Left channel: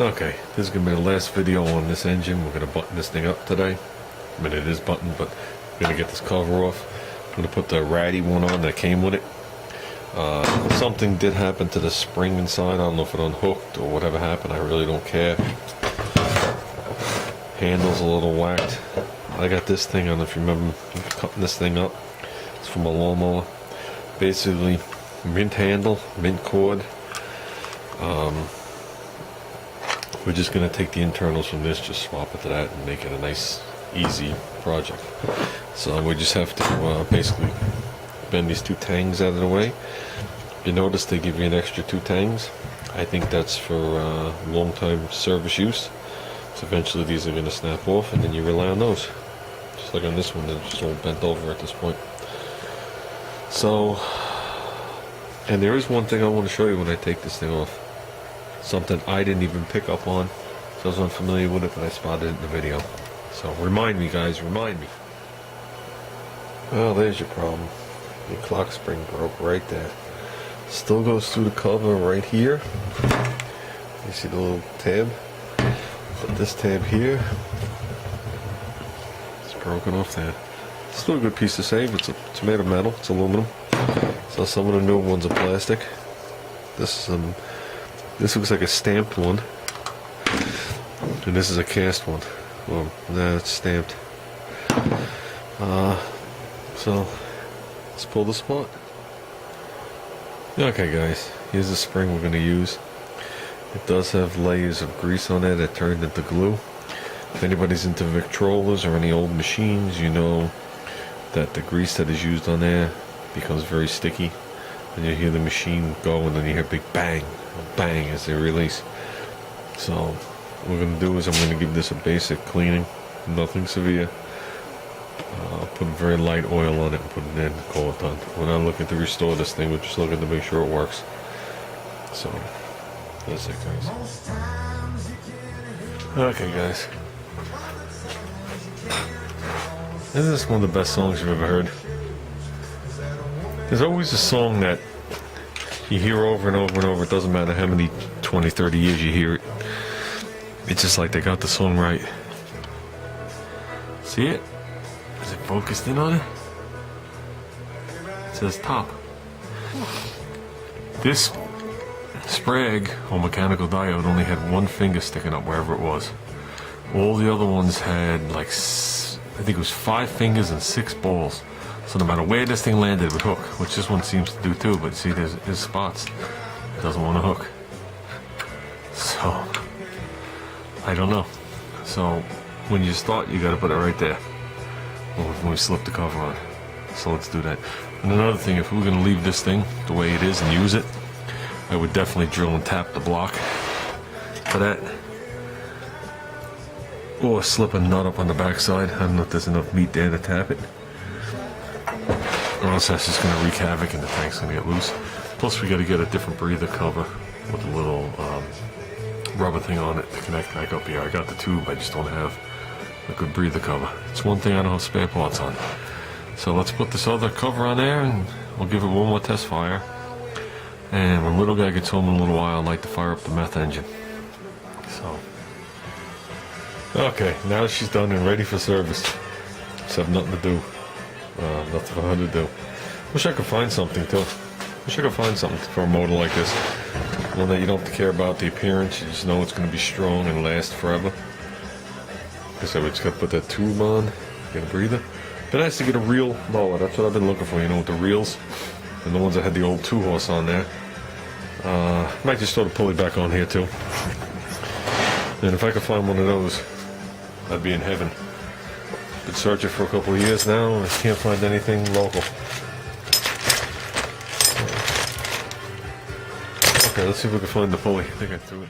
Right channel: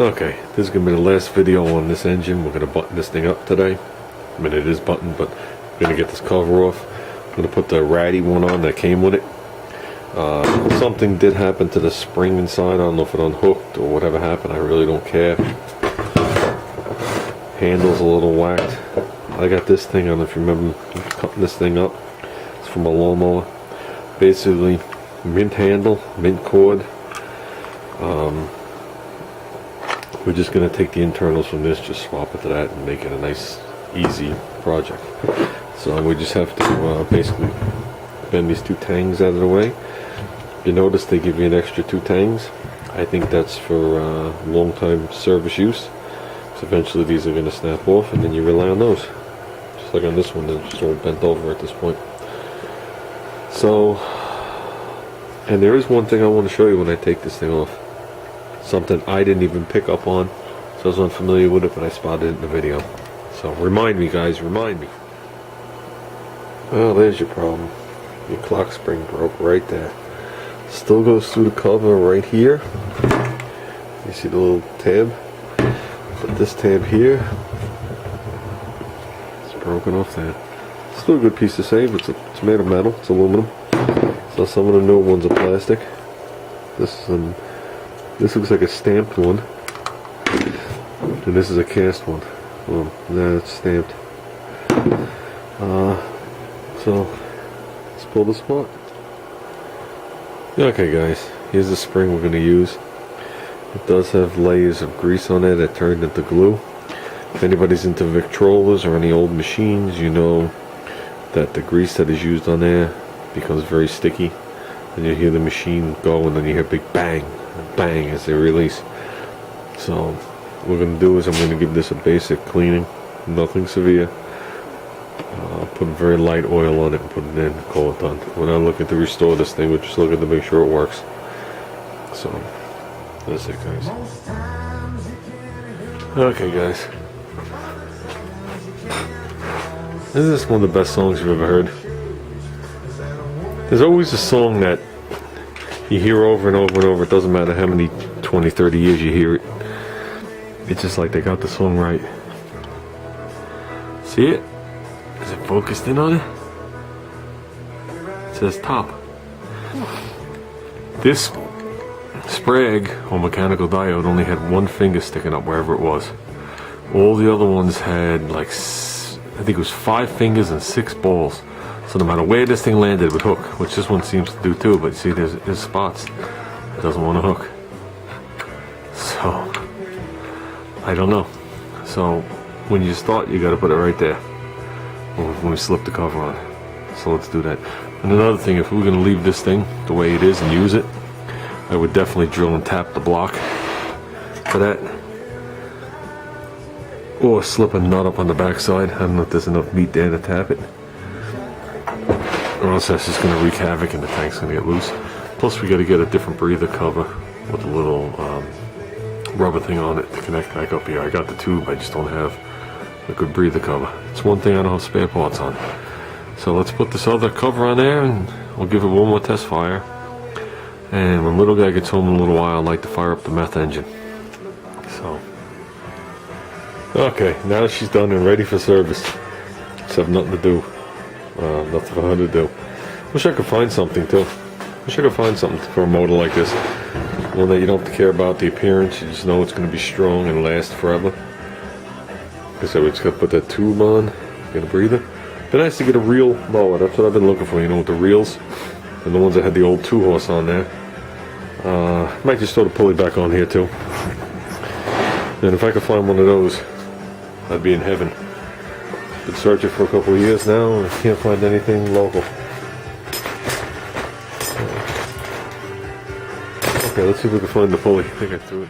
Okay, this is going to be the last video on this engine. We're going to button this thing up today. I mean, it is buttoned, but I'm going to get this cover off. I'm going to put the ratty one on that came with it. Something did happen to the spring inside. I don't know if it unhooked or whatever happened. I really don't care. Handle's a little whacked. I got this thing, I don't know if you remember cutting this thing up. It's from a lawnmower. Basically, mint handle, mint cord. We're just going to take the internals from this, just swap it to that, and make it a nice, easy project. So we just have to basically bend these two tangs out of the way. If you notice, they give you an extra two tangs. I think that's for long-time service use. So eventually these are going to snap off, and then you rely on those. Just like on this one, they're just all bent over at this point. So, and there is one thing I want to show you when I take this thing off. Something I didn't even pick up on, so I was unfamiliar with it, but I spotted it in the video. So remind me, guys, remind me. Well, there's your problem. Your clock spring broke right there. Still goes through the cover right here. You see the little tab? But this tab here, it's broken off there. Still a good piece to save. It's made of metal. It's aluminum. So some of the new ones are plastic. This looks like a stamped one, and this is a cast one. Well, it's stamped. So let's pull this apart. Okay, guys, here's the spring we're going to use. It does have layers of grease on it that turned into glue. If anybody's into Victrolas or any old machines, you know that the grease that is used on there becomes very sticky, and you hear the machine go, and then you hear a big bang, bang as they release. So what we're going to do is I'm going to give this a basic cleaning, nothing severe. Put very light oil on it and put it in and call it done. We're not looking to restore this thing, we're just looking to make sure it works. So that's it, guys. Okay, guys, isn't this one of the best songs you've ever heard? There's always a song that you hear over and over and over. It doesn't matter how many 20, 30 years you hear it. It's just like they got the song right. See it? Is it focused in on it? It says top. This Sprague or mechanical diode only had one finger sticking up wherever it was. All the other ones had like, I think it was 5 fingers and 6 balls. So no matter where this thing landed, it would hook, which this one seems to do too. But you see, there's spots. It doesn't want to hook. So I don't know. So when you start, you got to put it right there when we slip the cover on. So let's do that. And another thing, if we're going to leave this thing the way it is and use it, I would definitely drill and tap the block for that, or slip a nut up on the back side. I don't know if there's enough meat there to tap it, or else that's just going to wreak havoc and the tank's going to get loose. Plus we got to get a different breather cover with a little rubber thing on it to connect back up here. I got the tube, I just don't have a good breather cover. It's one thing I don't have spare parts on. So let's put this other cover on there, and we'll give it one more test fire. And when little guy gets home in a little while, I'd like to fire up the meth engine. So, okay, now she's done and ready for service. Just have nothing to do. Nothing for her to do. Wish I could find something too. Wish I could find something for a motor like this. One that you don't have to care about the appearance. You just know it's going to be strong and last forever. Like I said, we just got to put that tube on. Get a breather. Be nice to get a real mower. That's what I've been looking for. You know, with the reels and the ones that had the old 2-horse on there. Might just throw the pulley back on here too. And if I could find one of those, I'd be in heaven. Been searching for a couple of years now, and can't find anything local. Okay, let's see if we can find the pulley. I think I threw it.